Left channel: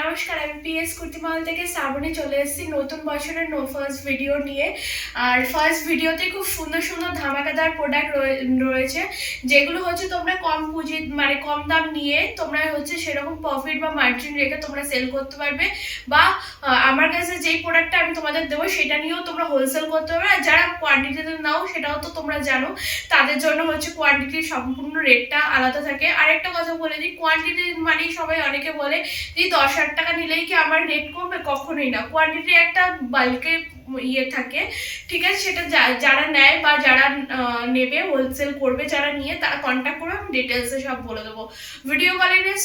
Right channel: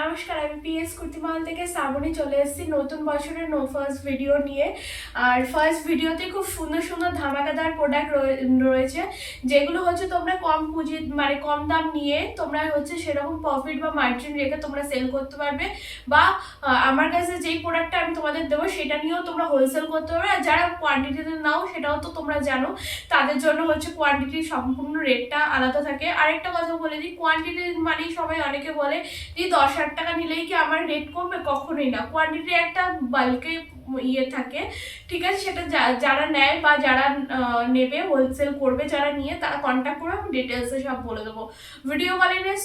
নমস্কার, আমি পিএস কুর্তিমহল থেকে শ্রাবণী চলে এসেছি নতুন বছরের ফার্স্ট ভিডিও নিয়ে। আর ফার্স্ট ভিডিওতে খুব সুন্দর সুন্দর ধামাকাদার প্রোডাক্ট রয়েছে, যেগুলো হচ্ছে তোমরা কম পুঁজি মানে কম দাম নিয়ে তোমরা হচ্ছে সেরকম প্রফিট বা মার্জিন রেখে তোমরা সেল করতে পারবে, বা আমার কাছে যেই প্রোডাক্টটা আমি তোমাদের দেবো সেটা নিয়েও তোমরা হোলসেল করতে পারবে। আর যারা কোয়ান্টিটিতে নাও সেটাও তো তোমরা জানো, তাদের জন্য হচ্ছে কোয়ান্টিটির সম্পূর্ণ রেটটা আলাদা থাকে। আরেকটা কথা বলে দিই, কোয়ান্টিটি মানে সবাই অনেকে বলে যে 10,000 টাকা নিলেই কি আমার রেট কমবে, কখনোই না। কোয়ান্টিটি একটা বাল্কে ইয়ে থাকে, ঠিক আছে? সেটা যারা নেয় বা যারা নেবে, হোলসেল করবে যারা নিয়ে, তারা কন্ট্যাক্ট করে আমি ডিটেলসে সব বলে দেবো। ভিডিও কলিংয়ের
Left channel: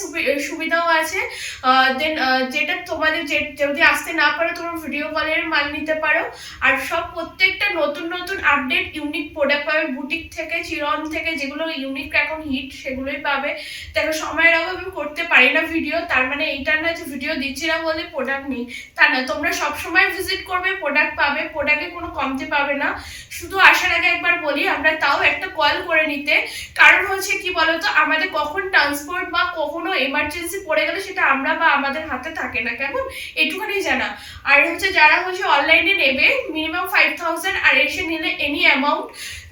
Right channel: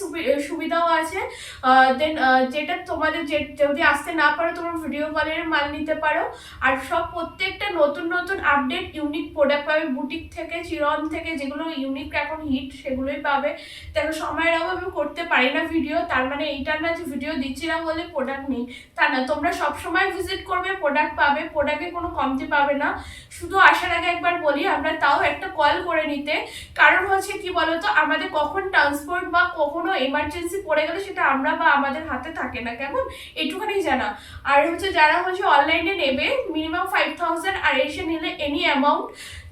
সুবিধাও আছে। দেন যেটা তোমাদের যদি আসতে না পারো তোমরা ভিডিও কলের মাল নিতে পারো। আর সব প্রত্যেকটা নতুন নতুন আপডেট ইউনিক প্রোডাক্ট পাবে বুটিক থেকে, চিরন থেকে, যেগুলো ইউনিক এখন হিট সেগুলোই পাবে। দেখো, সময়ের অভাবে আমি করতে পারি না ভিডিও, তার মানে এইটা না যে ভিডিও দিচ্ছি না বলে প্রোডাক্ট নেই, তা না। তোমরা সবসময় ভিজিট করবে, প্রোডাক্ট পাবে, প্রোডাক্টে কোনো কমতি পাবে না। শুধু আসার আগে একবার বলি, আমরা তাও একটা কল করে নিতে, কারণ হচ্ছে কি বলতো, আমাদের কখন ট্রান্সপোর্ট বা কখনো এমার্জেন্সি পড়ে গেলে সেটা আমরা বা আমাদের হাতে থাকে না, কেমন, এটুখানি জানা। আর হচ্ছে যারা হচ্ছে অনলাইনে নেবে মিনিমাম 5,000, আর এসে নিলে এনি অ্যামাউন্ট,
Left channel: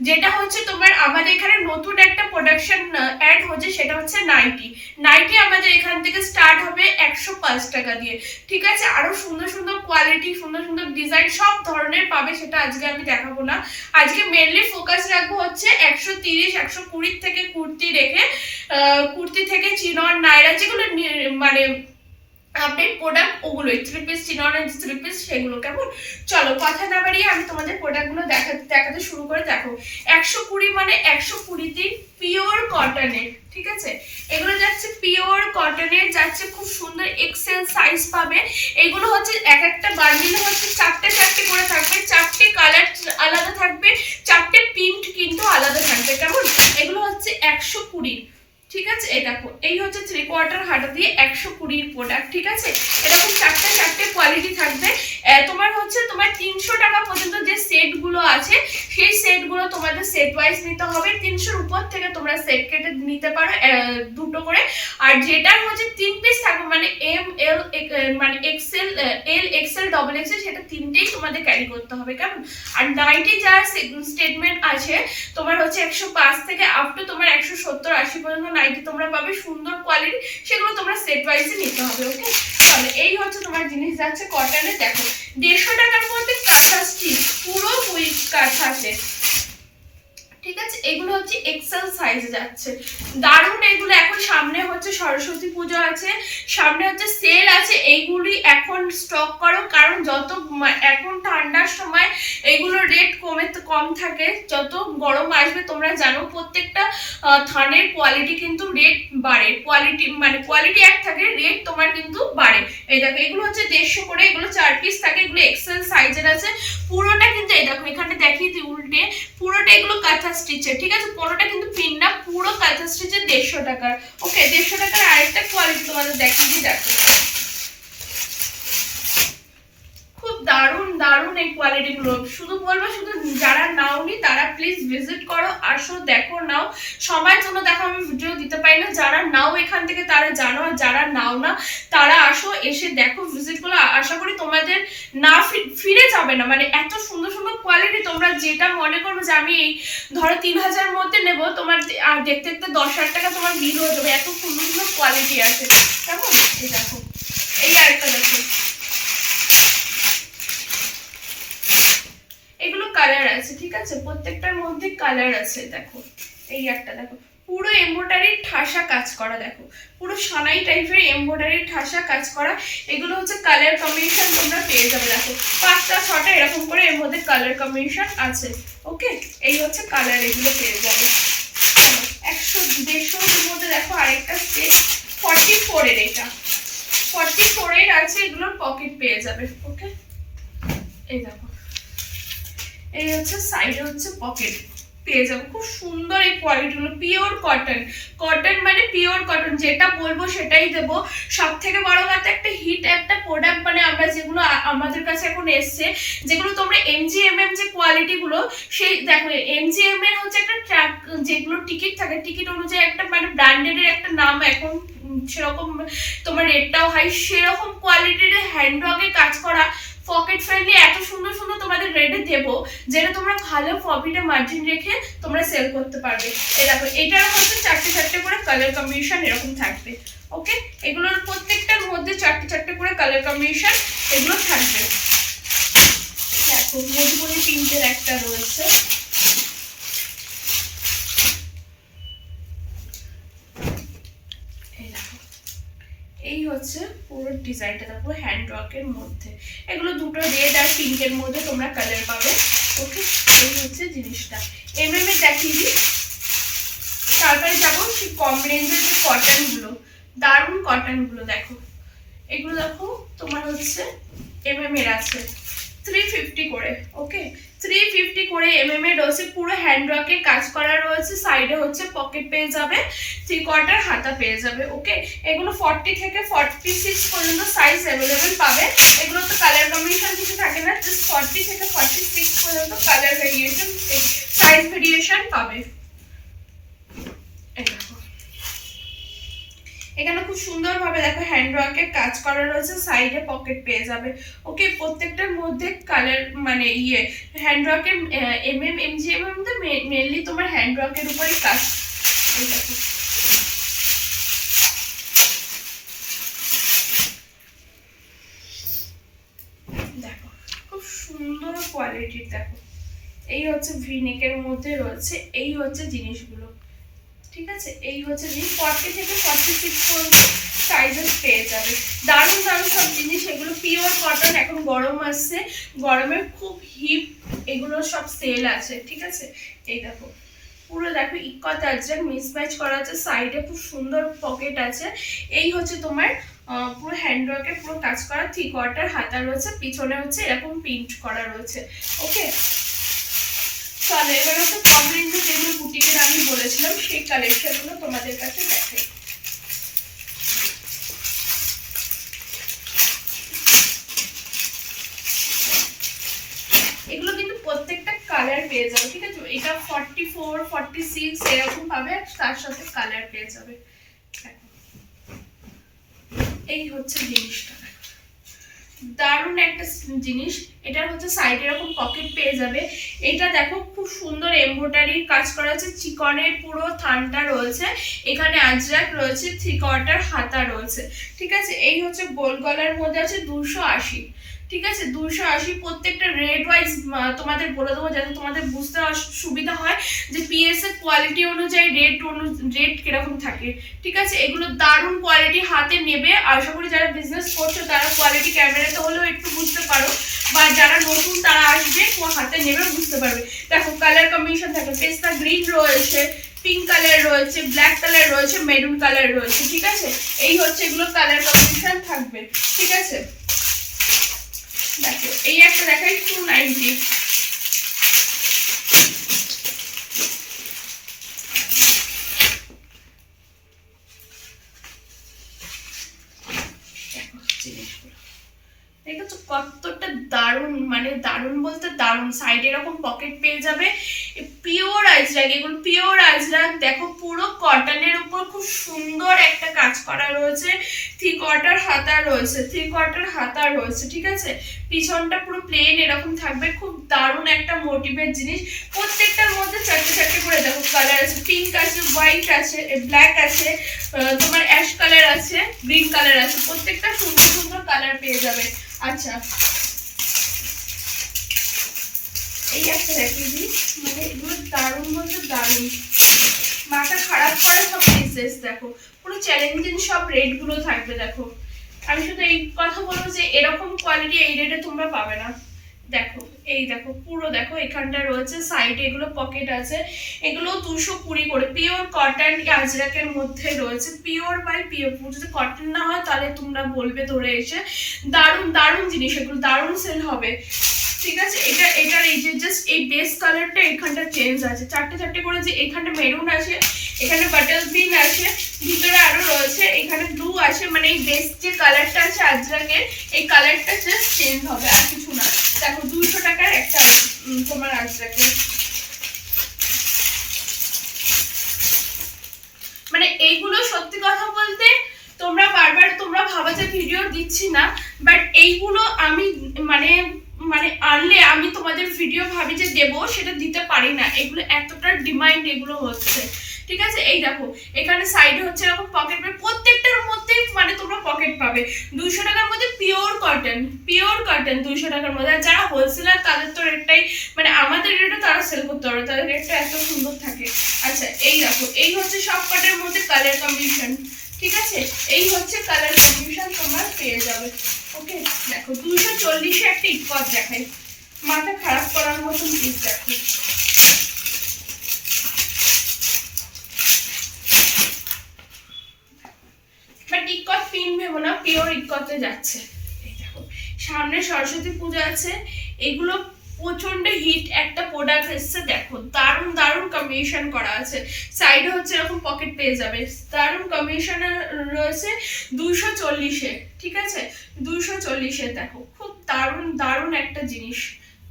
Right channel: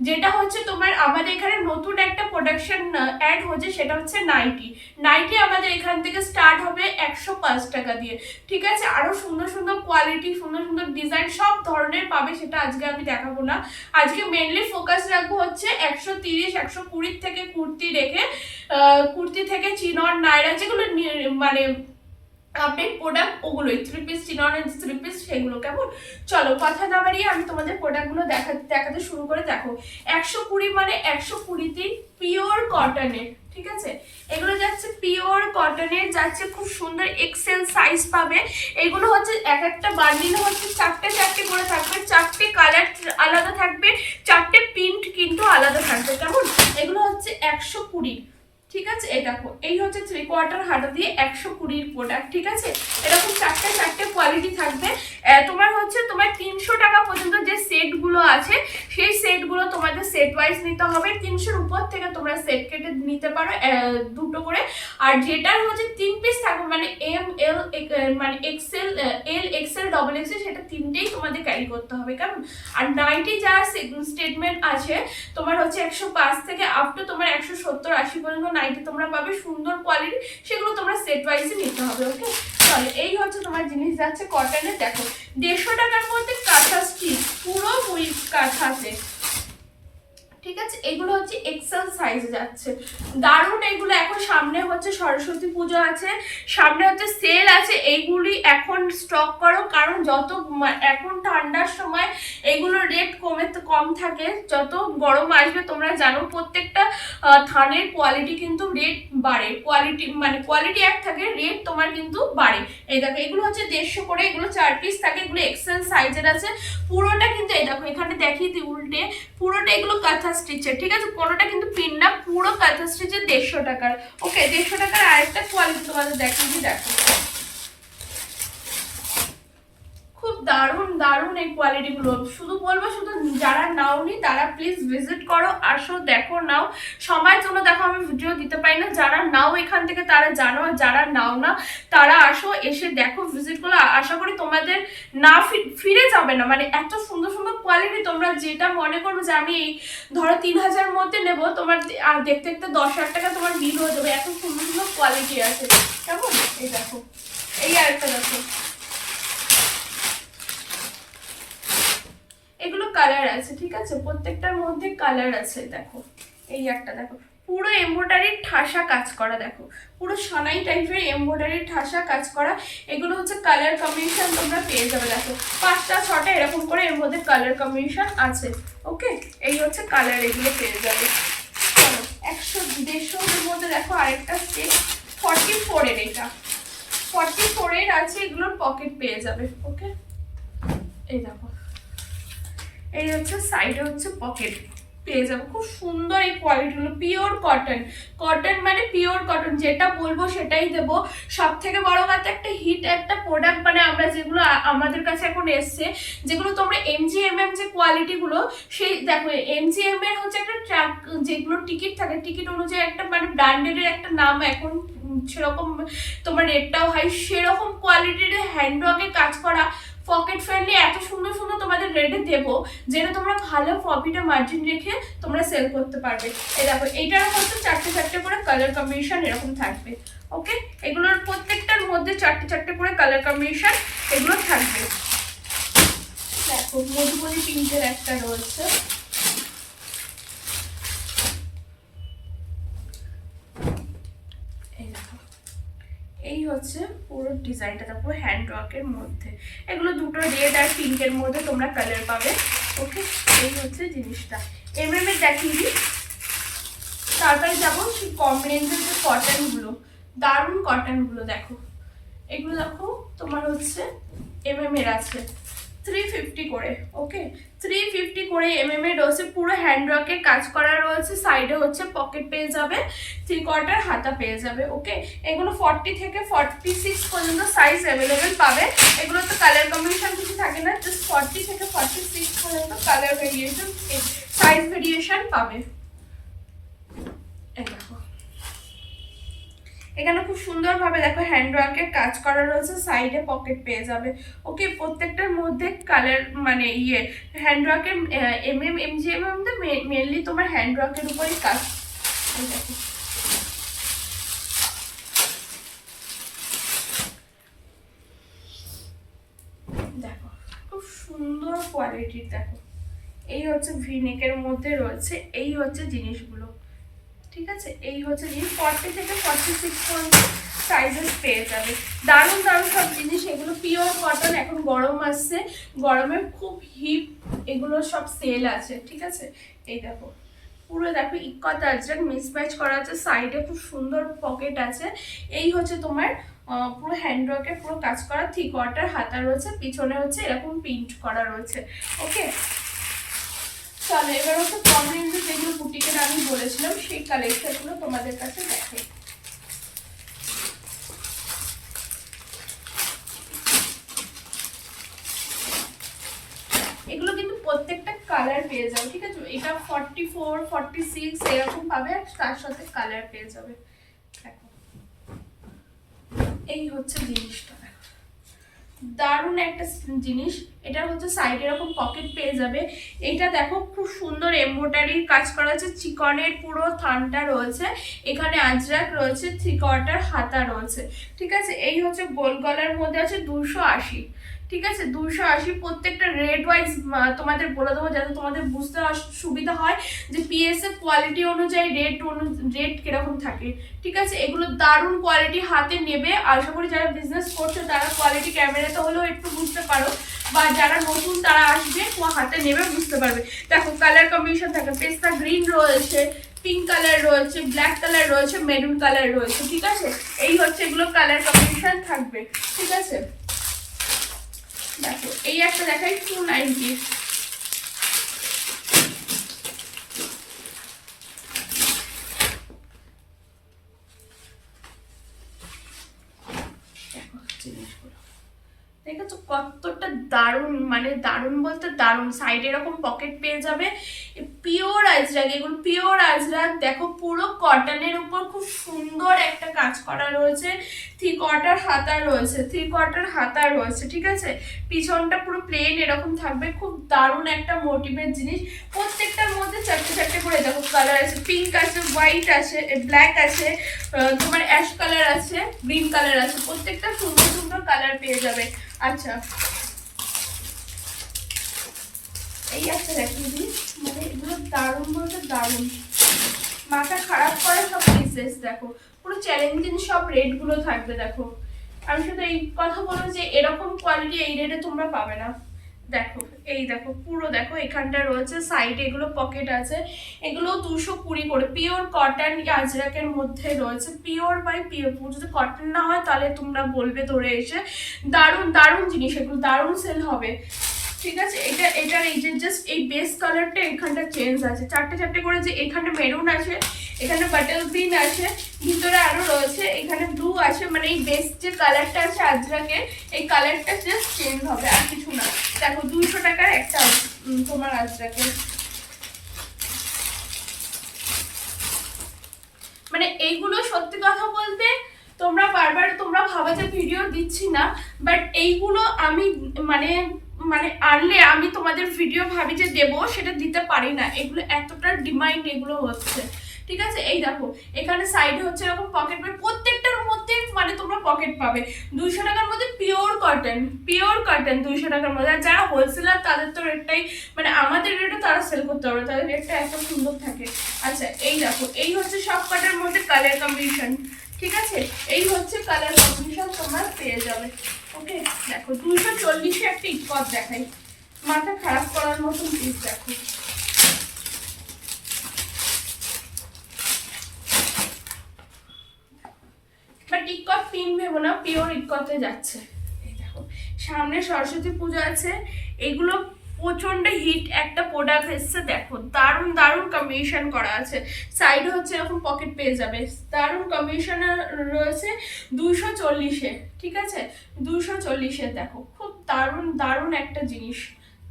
যেটা হচ্ছে তোমার আমাদের এখানে নতুন একটা প্রোডাকশন অ্যাড হচ্ছে, সেটা হচ্ছে নাইটি। নাইটি আমাদের এখান থেকে স্টার্ট হবে 105 টাকা দিয়ে, ঠিক আছে? আরো সুন্দর সুন্দর কোয়ালিটি, সুন্দর সুন্দর ডিজাইন সব ধরনের পাবে, সেটা আজকে আমি দেখাবো না। আজকে মেনলি ফোকাস রাখবো হচ্ছে 130, 120 থেকে কুর্তি রেখে, কুর্তি থেকে চিনন, নাইরা, যেগুলো মানে আপডেট প্রোডাক্ট, ওগুলোই 3 পিস, চিননের 3 পিস, সেগুলো। কেমন, চলো কথা না বাড়িয়ে আমি তোমাদের প্রোডাক্টগুলো দেখাতে শুরু করে। দেখো, 120 মানে 120 পিওর কটনের, ঠিক আছে? এগুলো যাচ্ছে পিওর কটনের, যাচ্ছে খুব সুন্দর এক্সেল সাইজ পাবে। এগুলো হচ্ছে এক একটা বান্ডিলে হচ্ছে 4টে করে থাকবে, 4টে কালার আলাদা থাকবে, 4টে প্রিন্ট কিন্তু আলাদা থাকবে। কেমন, এগুলো হচ্ছে 120, ঠিক আছে? এই দেখো, এই হচ্ছে 3/4 হাতা দিয়ে 120 প্রোডাক্ট, ঠিক আছে? এরকম 4টে কোয়ালিটি থাকবে। তোমার হচ্ছে 300 টাকা পর্যন্ত যে সেটগুলো আছে, সেই সেটগুলো তোমাদের সেট ওয়াইজ নিতে হবে। 300-র উপর থেকে তোমরা সেট কেটে নিতে পারো, দুটো করে। আর যেটার হচ্ছে 3 পিস থাকবে, মানে এম এল মানে XL, L XL, double XL, সেটা তিনটেই তোমাদের ক্যারি করতে হবে। কেমন? আর নাইটি যার স্টেটমেন্ট আছে তোমার হচ্ছে 105 থেকে আপ টু তোমার 170-80 পর্যন্ত নাইটি তোমরা পাবে, সুন্দর কোয়ালিটি, সেগুলো তোমরা সেট ওয়াইজে নিতে হবে। ওকে, তাহলে এই হচ্ছে তোমার জিনিস যাচ্ছে কটনের। দেখো, 150 টাকার মধ্যে কাঁথা স্টিচ, পুরো কাঁথাতে, ঠিক আছে? এগুলো হচ্ছে এক্সেল সাইজে যাচ্ছে, দারুণ এগুলো। এখন সামনে হচ্ছে সরস্বতী পুজো আছে, সামনে হচ্ছে সেল আছে, এইগুলি এখন স্টক করো, কারণ যত এখন ঠান্ডার সময় এগুলোর রেট কম থাকে, যত গরম আসবে তোমরা জানো প্রত্যেকটা থানের কোয়ালিটি কিন্তু রেট বাড়ে, কোয়ালিটি এক থাকে, রেট তোমার কিন্তু বাড়ে। এই দেখো, এগুলো হচ্ছে 150 করে, এগুলো 4 পিস থাকে, এগুলো এক্সেল সাইজের আছে পুরোটা কিন্তু। এই দেখো, এখানে দেখিয়ে দিই উল্টে, পুরোটা এগুলো কাঁথা স্টিচের, ঠিক আছে? কোনোটা কিন্তু পিন না, পুরো কাঁথা স্টিচের 150 টাকার। ওকে, 150 টাকার আরেকটা কোয়ালিটি তোমাদের দেখিয়ে দিই। দেখো, খুব দারুণ দারুণ এই কোয়ালিটিগুলো। শুধু বলবো, শুধু যারা নাওনি তারা প্লিজ ভিজিট করো, আসো, দেখো, নাও। সময়ের জন্য দেখো আমি ভিডিও দিতে পারি না, যারা নাও এখান থেকে তারা জানো, আর যারা নাও না তারা আসো, এসে দেখো, ভিজিট করো। আশা করি তোমাদের না ফিরে যাবে না, মানে এত সুন্দর সুন্দর কোয়ালিটি। তোমরা যেটা মনে করবে যে আমি এই ধরো 3,000 মধ্যে নেবো, তোমার আর দেখতে দেখতে 10,000 টাকা তোমার বিল হয়ে যাবে, এত সুন্দর সুন্দর কোয়ালিটি আছে। কেমন, এই দেখো, এই আরেকটা দেখো, এগুলো কালার আছে, ঠিক আছে? প্রত্যেকটার মধ্যে কালার আছে। দেখো, এই একটা দেখো, পুরো এমব্রয়ডারির ঠাসা কাজ করা, দেখো, পুরো সানাই টাইপের এমব্রয়ডারির ঠাসা কাজ করা। এগুলো হচ্ছে কালার কম্বিনেশন তোমরা পেয়ে যাবে। দেখো, 5টা 6টা এরকম করে এর মধ্যে কালার কম্বিনেশন আছে। ওকে, এই হচ্ছে কালার, এগুলো পেয়ে যাবে। 100-150-এর মধ্যে দেখো আরেকটা সেট 44 এর, এটা 44 এর আছে, এগুলোর পকেট পেয়ে যাবে। ওকে, এই দেখো, এই হচ্ছে সাইডে হচ্ছে পকেট পেয়ে যাবো, খুব সুন্দর এই কোয়ালিটিগুলো। পিওর কটন, কটন মানে পিওর কটন, যেটা বলবো সেটাই দেবো। সব থেকে বড় কথা, একটা হিট একটা প্রোডাক্ট, মানে আমরা যেগুলো আমাদের কাছে এখন এসছে, যেগুলো তোমরা MGMM যে কোয়ালিটিগুলো, সেই দেখো MGM এর হচ্ছে একটা ট্র্যাক, যেগুলো টিকিট থাকে, টিকিট অনুযায়ী একটা মানে ব্র্যান্ডেডের একটা নাম এখন সেরকম তোমার রেটটাও হাই, সেরকম কোয়ালিটির হ্যান্ডওয়ার্কে কাজ করা পকেট ফ্রেন্ডলি এত সুন্দর সুন্দর তোমাদের রেটে দেবো, যেটা তোমরা ভালো প্রফিটে মার্জিন রেখে তোমরা সেল করতে পারবে। এই দেখো এটার হচ্ছে চারটে চারটে করে কালার কম্বিনেশন এরকম থাকবে। ওকে, এগুলোর প্রত্যেকটার মধ্যে চারটে চারটে করে কালার কম্বিনেশন এগুলো থাকবে। দেখো মধুবনী পিঙ্কের একটা রয়েছে, এই হচ্ছে পুরো ডিজাইনটা পুরো হ্যান্ডওয়ার্কের মধ্যে। এগুলো দুটো রেড আর পিঙ্কের মধ্যে তোমরা কালার পাবে। ওকে, এই হচ্ছে জিনিসটা। এর দেখিয়ে দিই, তারপরে যাবো সেই কম রেঞ্জের যে কটনগুলো, দারুণ কটনগুলো। দেখো এগুলো দেখো তোমার হচ্ছে এর আছে 350 করে। ওকে, 350 করে এর রয়েছে, পুরো হ্যান্ডওয়ার্কে কাজ করা রয়েছে, সাইডে হচ্ছে পকেট পেয়ে যাবে, 3/4 হাতা পেয়ে যাবে। ওকে, এগুলো 40 থেকে 46 পর্যন্ত সাইজ অ্যাভেলেবেল পাবে। এগুলো তো কালার কম্বিনেশন কিছু থাকে না, জাস্ট 40 থেকে 46 পর্যন্ত কালার ভেরিয়েশন, সাইজ ভেরিয়েশন পাবে। এই দেখো এখানে খুব সুন্দর ভাবে দেখো হ্যান্ডওয়ার্কের কাজ করা রয়েছে, সাইডে পকেট পেয়ে যাবে। ওকে, প্রত্যেকটার মধ্যে কালার মানে হ্যান্ডওয়ার্কের এমজিএম মেনলি তোমার হ্যান্ডওয়ার্কের উপরই কাজ। এই দেখো দেখো খুব সুন্দর কোয়ালিটির। দেখো এই হচ্ছে ভিনেকের মধ্যে রয়েছে, এই হচ্ছে জিনিসগুলো। ঠিক আছে, এই হচ্ছে জিনিস 40 থেকে 46 পর্যন্ত সাইজেস পেয়ে যাবে। দারুণ দারুণ সব জিনিস, এগুলো পিওর কটন। এখন গরম আসছে, গরমে খুব হিট, এগুলো সব সেল আছে। ঠিক আছে, এই দেখো পুরো দেখো ইক্কত আজরাক মিসম্যাচ করা আছে, সাইডে খুব সুন্দর পকেট আছে। এই হচ্ছে তোমার পুরো হ্যান্ডওয়ার্কে পুরো কাজ করা, 3/4 হাতা রয়েছে, পিছনে হচ্ছে এরকম প্রিন্ট করা রয়েছে। ওকে, চলো এবার হচ্ছে কম রেঞ্জে যেগুলো বুটিকের আমি বলেছিলাম সেই কালেকশনগুলো তোমাদের কাছে দেখাই। এগুলো কিন্তু প্রত্যেকটা কালার পেয়ে যাবে। ঠিক আছে, এটা 44, 46 এরকম পাবে, আর তার সাথে কালার পেয়ে যাবে। দেখো এই হচ্ছে জিনিসটা, দারুণ একটা জিনিস। এটার হচ্ছে সাইডে এরকম পকেট পেয়ে যাবে। এটা দেখো খুব সুন্দর এমব্রয়ডারির কাজ করা আছে, চিকনের পুরো থানটা রয়েছে, এখানে আজরাক রয়েছে, 3/4 হাতা রয়েছে। ঠিক আছে, এই হচ্ছে গোল গলার মধ্যে আছে 280। ঠিক আছে, 280। প্রত্যেকটা রেড ওয়াইজ তোমাদের বলে দেবো, যাতে তোমাদের বুঝতে সুবিধা হয় যে পিএস এর কোয়ালিটি অনুযায়ী রেট কিরকম থাকে। ঠিক আছে, এগুলো দারুণ কোয়ালিটি, হাতে নেবে। আশা করি যারা বিজনেস করছো তারা কোয়ালিটি ক্যামেরাতে হলেও একটু বুঝতে পারো, বা যারা নতুন তারা আসবে হাতে নেবে বুঝতে পারবে। দেখো কালার কম্বিনেশন থাকে, পেস্তা গ্রিন রয়েছে, পিঙ্ক কালার রয়েছে, ব্ল্যাক কালার রয়েছে, মেরুন কালার রয়েছে। ঠিক আছে, এই হচ্ছে এগুলো কালার কম্বিনেশন থাকবে। ঠিক আছে, দেখো এই একটা দেখাই 290। দেখেছো কতটা দারুণ, মানে দারুণ বলতে দারুণ। সাইডে এরকম পকেট পেয়ে যাবে, পিওর আজরাক, এগুলো পিওর আজরাক। দেখো পুরো কটনের উপর খুব সুন্দর একটা কাজ করা রয়েছে, 3/4 হাতা রয়েছে, 3/4 হাতা রয়েছে। ঠিক আছে, পিছনটা পুরো প্লেন এরকম থাকবে, খুব দারুণ একটা মোটিভের জিনিস। প্রত্যেকটার মধ্যে চারটে চারটে করে দেখো কালার আছে, পিঙ্ক আছে, হোয়াইট আছে, ব্ল্যাক আছে, তোমার অ্যাশ কালার আছে, গ্রিন কালার আছে, প্রত্যেকটা সুন্দর সুন্দর কালার পেয়ে যাবে। আচ্ছা, এই একটা দেখিয়ে দিই, মানে এগুলো দারুণ বলতে দারুণ, মাথা খারাপ করে সব পিসেস। দেখো পুরো চ্যালেঞ্জিং সব রেটগুলো থাকবে। দেখো আমি শুধু এই কথা বলবো যে এরকম কোয়ালিটি এই রেটে তোমরা পাবে না। দেখো এই দেখো পুরো দেখো এখানটা রয়েছে, সাইডে এগুলো পকেট আছে, এগুলো 220 করে, পিওর কটন আজরাকের মধ্যে রয়েছে, পিওর বাই পিওর। যদি কটন না হয় তাহলে তোমরা বলবে ধরে এসে। দারুণ দারুণ জিনিস, এগুলো দারুণ সেল হবে। ঠিক আছে, এটার এই যে জাস্ট এই বেস কালারটা এখানটা চেঞ্জ আছে, চারটে চারটে করে, যে এখানে মেরুন আছে, এখানে বাটল গ্রিন আছে, ভিতরে আরো রয়েছে, এখানে ব্লু আছে, মানে এই বেস যে কালারটা আছে আজরাকের, এই কালারটা জাস্ট চেঞ্জ হবে, আর কিছু না। দেখো 200 টাকার একটা তোমার আজরাকের, মানে এইগুলো সত্যি কথা বলতে তোমরা বারবার তোমরা ভাবা যে ভিডিও দিচ্ছি না, বাট এইগুলো আমি মানে মানে আনলে আমি তোমাদের ভিডিও ভাবি যে দেবো, সেটা দিতে পারি না। এগুলো এতটা ডিমান্ড এগুলো হচ্ছে, ঠিক আছে। এই দেখো এখানে সাইডে হচ্ছে এরকম পকেট পাবে, প্রত্যেকটার মধ্যে মানে তোমরা পকেট পাবে। 200 টাকার মধ্যে পিওর কটন 200 টাকার মধ্যে। আর যারা হোলসেলার তাদের তো রেটটাই মানে আমাদের রেটে তারা সেল করতে পারবে, তাদের রেটটা এত সুন্দর থাকে। আচ্ছা এই দেখো, এই হচ্ছে সব কটার মধ্যে কালার কম্বিনেশন, ঠিক আছে। এই হচ্ছে কালার কম্বিনেশন তোমরা পেয়ে যাবে। ওকে দেখো 240-এ একটা ইটকট দেখাই, মাথা খারাপ করার মতন পিস দেখো। বাট ইটকট পিন ভেবো না, পিওর ইটকটে যাচ্ছে। এই দেখো সামনে সরস্বতী পূজা আছে, এগুলো প্রচন্ড হিট একটা প্রোডাক্ট এসছে। দেখো দারুণ দারুণ কম্বিনেশন করা আছে, সাইডে হচ্ছে এরকম পকেট পেয়ে যাবে, দারুণ কম্বিনেশন রয়েছে 240-এ, ঠিক আছে। 240-এ দেখো খুব দারুণ দারুণ একটা জিনিস।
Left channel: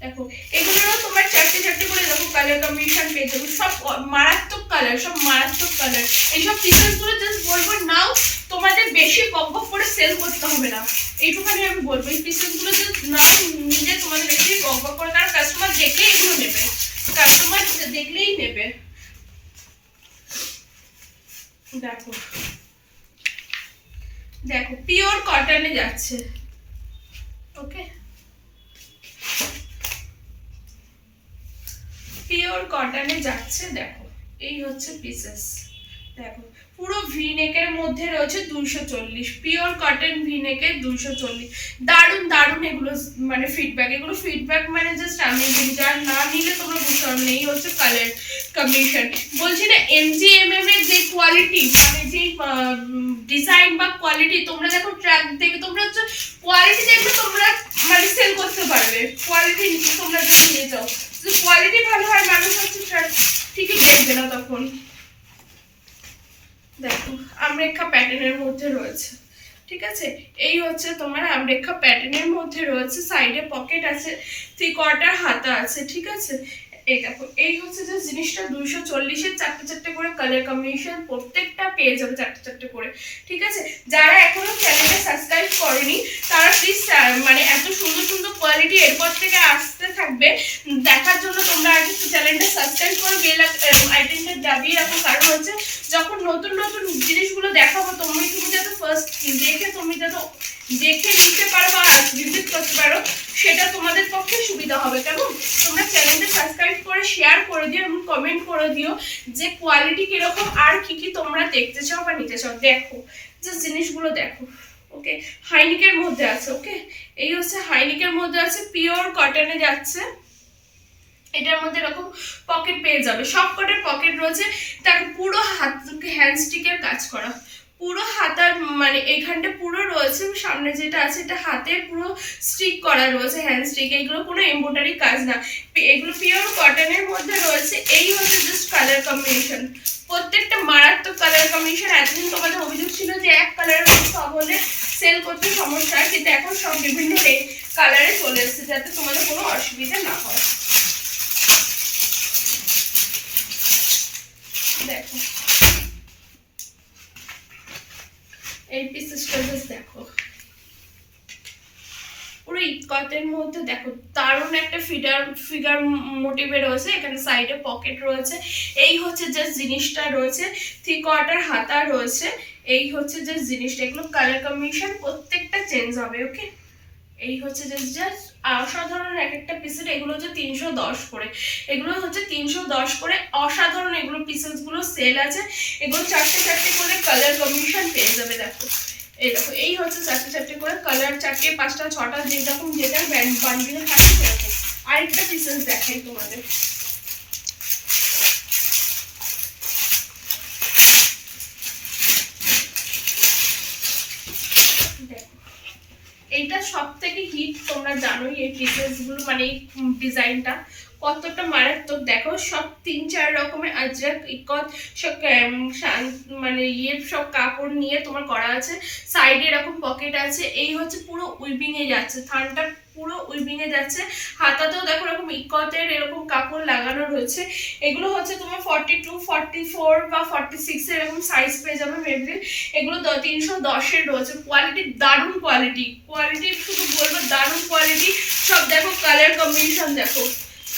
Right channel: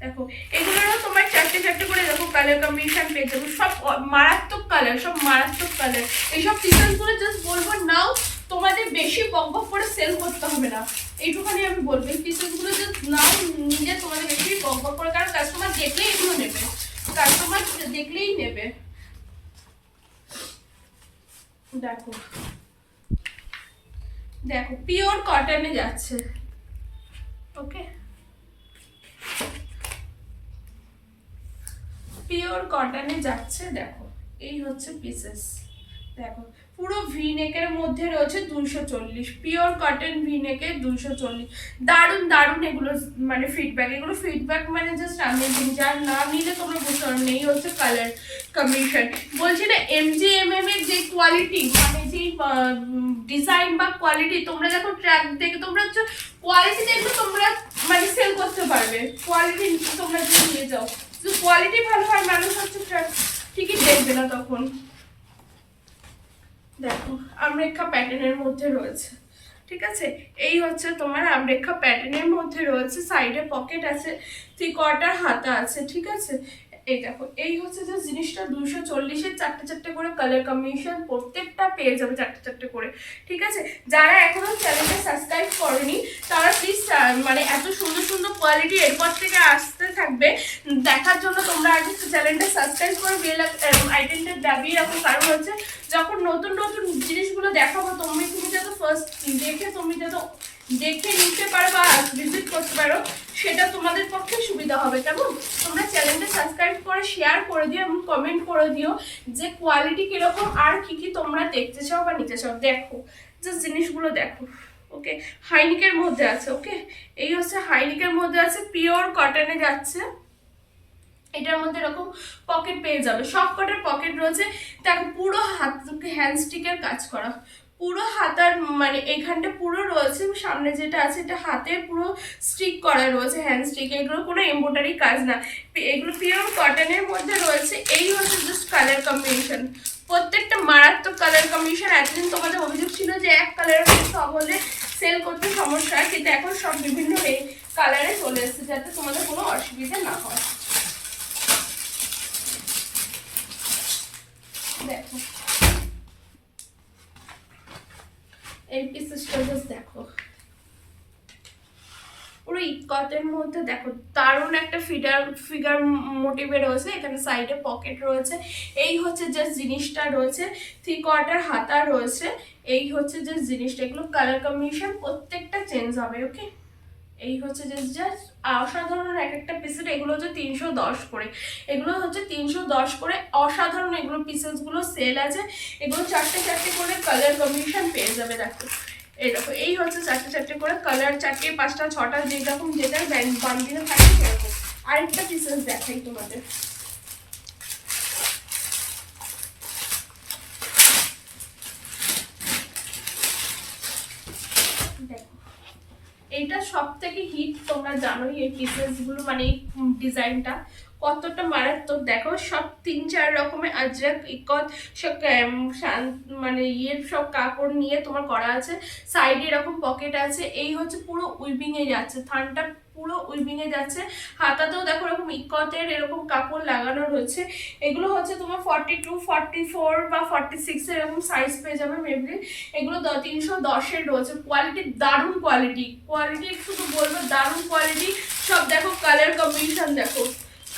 দেখো এগুলোরও তোমার চারটে চারটে করে দেখো কালার কম্বিনেশন পেয়ে যাবো, সব মারাত্মক কালার, সব মারাত্মক কালার। এইসব পিসেসগুলো জাস্ট বলবো নাও, তোমাদের বেশি বক বক করে সেল করতে হবে না, এইটুখানি আমি বলবো। এই পিসেসগুলো জাস্ট নাও, নিজে তোমাদের বেশি বক বক করে, কারণ কাস্টমার দেখলেই এগুলো নেবে, কাস্টমার দেখলেই নেবে। দেখো দেখো পিওর কটনে যাচ্ছে, ওকে পিওর কটনে যাচ্ছে। দেখো এই হচ্ছে পিসেস, দেখো পুরো ভি নেকের মধ্যে রয়েছে 240, পিওর কটন ভি নেকে 240। দারুণ দারুণ এগুলো মানে ফিডব্যাক, এগুলো ফিডব্যাক মানে জাস্ট অ্যামেজিং, যার না নিলে তোমরা বুঝতে পারবে না। এই হচ্ছে কালার কম্বিনেশন, বলছি না MGMM এর যে কোয়ালিটি মানে যে ডিজাইন বা কোয়ালিটি, তোমরা দেখো ট্র্যাক দেখে তোমরা হচ্ছে কোয়ালিটি দেখবে, তোমরা মানে সেল করতে পারবে। কোয়ালিটি তোমরা যদি নিয়ে যাও, কোয়ালিটি ভালো হয় মানুষ হচ্ছে ঠিকই দেখবে না তখন। দেখো আমরেখা প্যাটার্নের মধ্যে রয়েছে, ঠিক আছে। এই হচ্ছে তোমার আমরেখা প্যাটার্নের মধ্যে রয়েছে, সাইডে পকেট আছে, 3/4 হাতা আছে, ঠিক আছে। এই দেখো এই হচ্ছে যে জিনিসটা 240-এর চারটে চারটে করে কালার কম্বিনেশন প্রত্যেকটা পেয়ে যাবে চারটে চারটে করে, ঠিক আছে। যারা এখনো চ্যানেলটা সাবস্ক্রাইব করেনি তারা প্লিজ মানে এত সুন্দর সুন্দর কোয়ালিটি এরপর থেকে আসতে থাকবে দেখার জন্য তোমরা আগে চ্যানেলটা সাবস্ক্রাইব করে বেল আইকনটা দাবিয়ে রাখো, কারণ হচ্ছে যখন নতুন নতুন জিনিসগুলো দেখাবো তুমি যাতে ফার্স্ট দেখে তুমি যাতে দেখে নিতে পারো বা ভিজিট করতে পারো, সেটা তোমাদের পক্ষে সুবিধা হবে। কেমন তোমরা চ্যানেলটা সাবস্ক্রাইব করে শেয়ার করে দিও এবং কমেন্ট করে দিও যে কোয়ালিটি কিরকম আর কি কি তোমরা দেখতে চাও বা নিতে চাও। দেখো যে জিনিসগুলো দেখো, ওকে হাইনিকের মধ্যে আছে, ওকে এই হচ্ছে হাইনিকের মধ্যে আছে, পিওর কটনে যাচ্ছে। এটার মধ্যে এরকম পকেট পেয়ে যাবে, সব কটার পকেট রয়েছে। দেখো পুরো হাত হ্যান্ডস্টিকের কাজ করা, পুরো হাতার মানে এইখানটা পুরো রয়েছে, সামনে যেটা আছে এটা হাতে পুরো স্টিক করা রয়েছে হ্যান্ড স্টিক, এগুলো কোনো এমব্রয়ডারি কাজ না, এগুলো পিওর কটনের মধ্যে রয়েছে। এই হচ্ছে জাস্ট কালার কম্বিনেশন, প্রত্যেকটা মারাত্মক কালার কম্বিনেশন। এতদিন তোমাদের অভিযোগ ছিল যে এক কালারের মধ্যে সব হলে সেল করতে সমস্যা, কিন্তু এখন সব বিভিন্ন কালারে চলে এসেছে যাতে তোমাদের কোনো অসুবিধা না হয়। দেখো এই পিসেসটা জাস্ট দেখো, পুরো ইটকটের মধ্যে দেখো দারুণ একটা ফিগার মোটিভে রয়েছে, এখানে সাইডে পকেট রয়েছে। এই হচ্ছে যে জিনিসটা রয়েছে, 3/4 হাতা রয়েছে। এই হচ্ছে যে জিনিসটা, এগুলো কালার কম্বিনেশন প্রত্যেকটা চেঞ্জ হবে, ওকে। এই হচ্ছে জাস্ট অসাধারণ এক একটা পিসের, এগুলো হচ্ছে 310 করে, এগুলো হচ্ছে 310 করে, অসাধারণ এগুলো পিসেসগুলো সেল আছে। এগুলো চারটে চারটে করে কালার কম্বিনেশন পেয়ে যাবে। দেখো এই দেখো এই হচ্ছে চারটে চারটে করে কালার, 4টে 5টা 6টা যেরকম যেটা বান্ডিলে থাকে সেরকম। আরেকটা পিসেস দেখাই তোমাদের, এইটা সব থেকে হিট, তোমরা জানোই এই পিসেসগুলো মানে এই ডিজাইনটা কতটা মারাত্মক দেখো, সব 3-4 রকমের আজরাক ইকত সব মানে সব কাপড় নিয়ে তোমার করা আছে। সাইডে এরকম পকেট আছে, এই হচ্ছে পুরো উইভিং এ যাচ্ছে, থানটা পুরো উইভিং এ যাচ্ছে। হাতাতেও দেখো এরকম ইকতের এরকম কাপড় লাগানো রয়েছে। এগুলো হচ্ছে তোমার 42, 44 বা 46 এরকম সাইজ পেয়ে যাবে মেবি। এগুলো 310 এর রয়েছে। কোয়ালিটি দারুণ কোয়ালিটি, কোয়ালিটি শুধু বলবো দারুণ কোয়ালিটি। সব দেখো কালার কম্বিনেশন, দেখো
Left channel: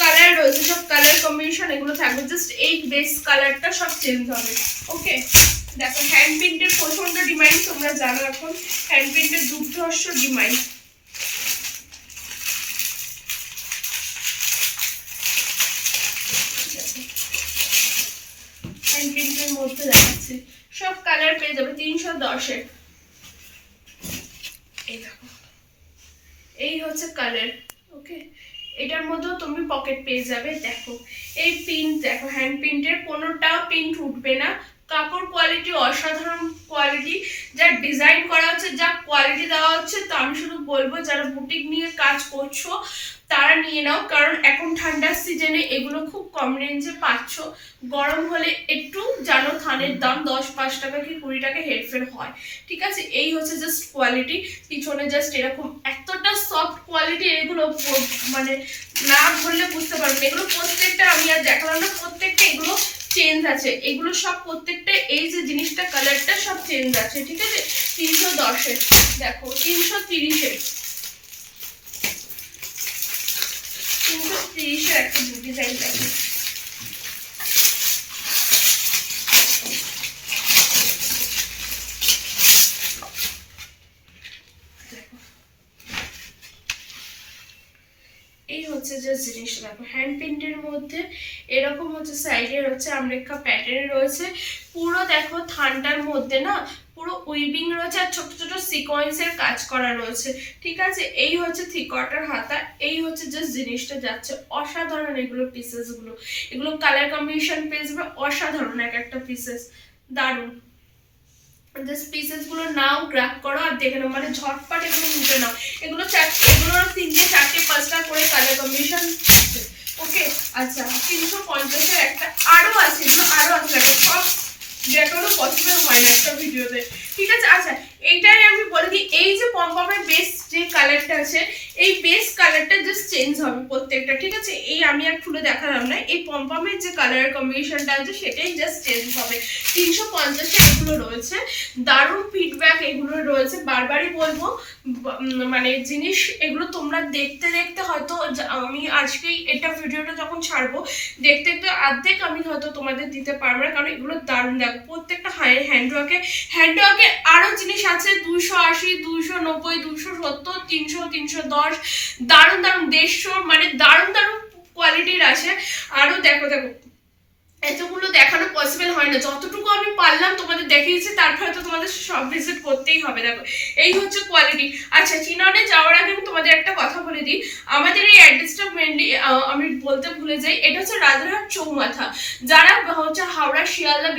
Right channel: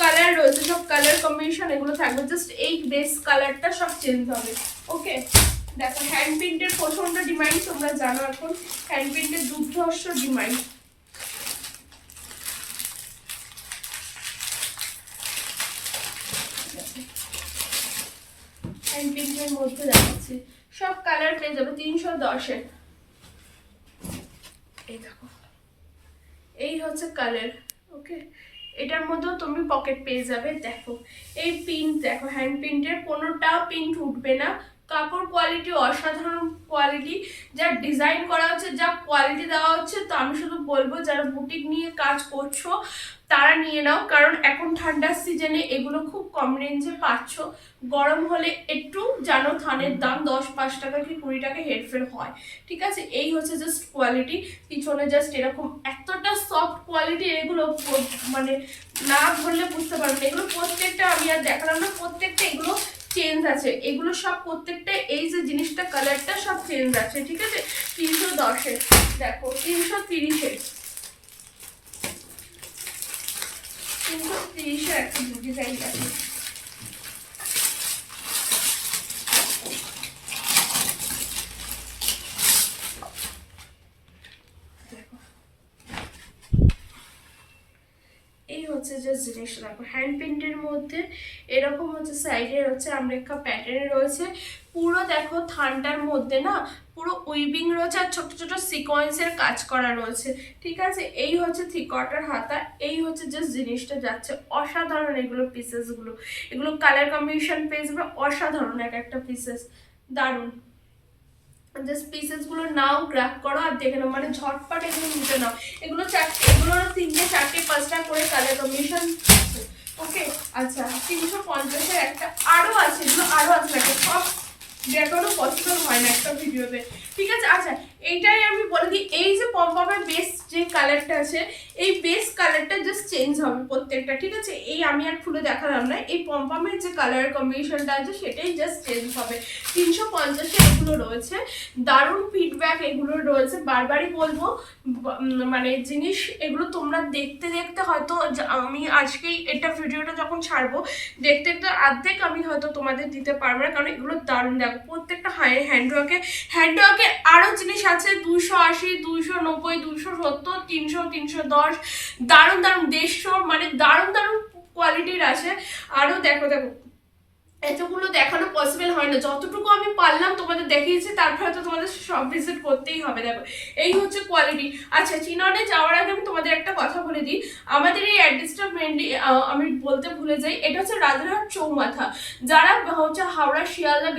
কালার রয়েছে, সব কালার কম্বিনেশন এগুলো থাকবে। জাস্ট এই বেস কালারটা সব চেঞ্জ হবে। ওকে, দেখো হ্যান্ড প্রিন্টের প্রচন্ড ডিমান্ড, তোমরা জানো এখন হ্যান্ড প্রিন্টের দুর্ধর্ষ ডিমান্ড। হ্যান্ড প্রিন্টের মধ্যে দেখাচ্ছি, সব কালার পেয়ে যাবে 310-এর। এই দেখো, এই হচ্ছে কালার। ওকে, এটার মধ্যেও তুমি পকেট পেয়ে যাবে। দেখো এই প্রিন্ট, দেখো হ্যান্ড প্রিন্টের কোনোটা প্রিন্ট উঠবে না। কাপড় কোয়ালিটি অসাধারণ কোয়ালিটি, যা ডিজাইন করা হচ্ছে, যা কোয়ালিটি দেওয়া হচ্ছে, তো আমি শুধু বলবো যারা বুটিক নিয়ে কাজ করছো তারা নিয়ে নাও, কারণ এখন ঠান্ডার সিজনে এগুলো খুব কম রেঞ্জে পাচ্ছ। গরম হলে একটু জানো থানের দাম 10-5 টাকা কি 20 টাকা হেরফের হয়, ঠিক আছে। এই হচ্ছে জাস্ট কোয়ালিটি, পিছনে জাস্ট এরকম এতটা সফট কোয়ালিটি। এগুলো মানে না বললে বুঝতে পারবে না, এগুলো প্রত্যেকটা আমি আর দেখালাম না, প্রত্যেকটা এগুলো চেঞ্জ আছে। এগুলো সব প্রত্যেকটা এই যে জিনিসটা কালারটা সব চেঞ্জ আছে, ঠিক আছে। 310-এর, দেখো 330-এর, 330-এর একটা ডিজাইন দেখো। এই হচ্ছে যে জিনিসটা দেখো হ্যান্ড প্রিন্টের মধ্যে এরকম হচ্ছে, সাইডে হচ্ছে আমরেখা প্যাটার্ন রয়েছে। পুরো দেখো থানটার মধ্যে না পুরো উইভিং রয়েছে আর ছোট ছোট সিকোয়েন্সের কাজ করা রয়েছে, ঠিক আছে। এই হচ্ছে 3/4 হাতা। এই হচ্ছে যে জিনিসটা যাচ্ছে, অসাধারণ এগুলো পিসেস গুলো। এগুলো কালার কম্বিনেশন পেয়ে যাবে অসাধারণ, এক একটা পিসেস দারুণ। জাস্ট পিসেস গুলো নাও, গ্র্যাব করো আর দেখে নাও, মানে ঝটপট এগুলো নিতে নাও। এগুলো 3টে 4টে 5টা করে কালার কম্বিনেশন। ওকে, আচ্ছা 350-এর একটা আরো আছে, এগুলো আরো আছে, সব দেখানো পসিবল হয় না একটা ভিডিওতে, ঠিক আছে। আচ্ছা এইটাই আমি বলে দিই, এই যে পমপমের বেস যে কালারটা আছে, এই বেস কালারটা জাস্ট চেঞ্জ হবে প্রত্যেকটা, ঠিক আছে। এই আমি আর খুলে দেখালাম না, এই পমপমের যে কালার কম্বিনেশনটা আছে সেটাই জাস্ট চেঞ্জ হবে। 350-এ এগুলো রয়েছে, দারুণ ফিডব্যাক এগুলো রয়েছে। বারবারই বলবো মানে জিনিস এগুলো তোমরা দেখতে দেখতে হয়তো আমি আজকেই এটা ভিডিওটা যখন ছাড়বো দেখতে দেখতে অর্ধেক আমি হয়তো তোমাদের দিতে পারবো না, কারণ এগুলো দারুণ। দেখো প্রত্যেকটা হ্যান্ডওয়ার্কে আরো জিনিস আছে, 280, 290, 270, 300, 310, দারুণ দারুণ 150, মানে দারুণ দারুণ কোয়ালিটির আছে। আরো দেখো দেখো এতগুলো দেখানো পসিবল হয় না, যতটুকু আমি পারলাম তোমাদের দেখিয়েছি, তারপরে তো তোমাদের সব ভিজিট করতেই হবে। দেখো এই হচ্ছে কোয়ালিটি। আচ্ছা চিননে যাওয়ার আগে আমি তোমাদের একটা কথা বলে দিই, আমাদের এই অ্যাড্রেসটা মেনলি আমি বলতে ভুলে যাই, এটা হচ্ছে রাজারহাট চৌমাথা। যারা হচ্ছে হাওড়া শিয়ালদা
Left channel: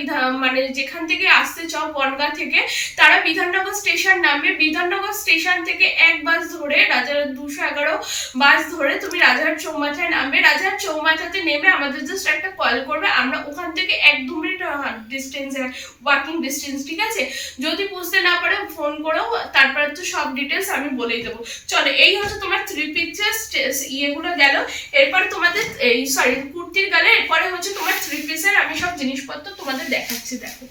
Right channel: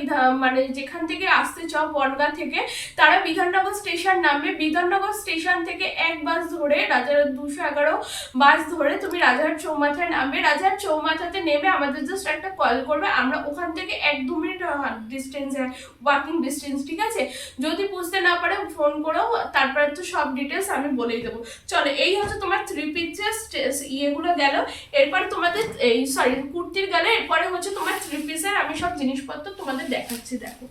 মানে যেখান থেকে আসতে চাও বনগাঁ থেকে, তারা বিধাননগর স্টেশন নামবে। বিধাননগর স্টেশন থেকে এক বাস ধরে রাজারহাট 211 বাস ধরে তুমি রাজারহাট চৌমাথায় নামবে। রাজারহাট চৌমাথাতে নেমে আমাদের জাস্ট একটা কল করবে, আমরা ওখান থেকে 1-2 মিনিট ডিস্টেন্সে, ওয়াকিং ডিস্টেন্স, ঠিক আছে। যদি বুঝতে না পারে ফোন করেও তারপরে তো সব ডিটেলস আমি বলেই দেবো। চলো এই হচ্ছে তোমার 3 পিসেস ইয়েগুলো গেল। এরপরে তোমাদের এই কুর্তির গেলে, এরপরে হচ্ছে তোমার 3 পিসের আমি সব জিনিসপত্র তোমাদের দেখাচ্ছি। দেখো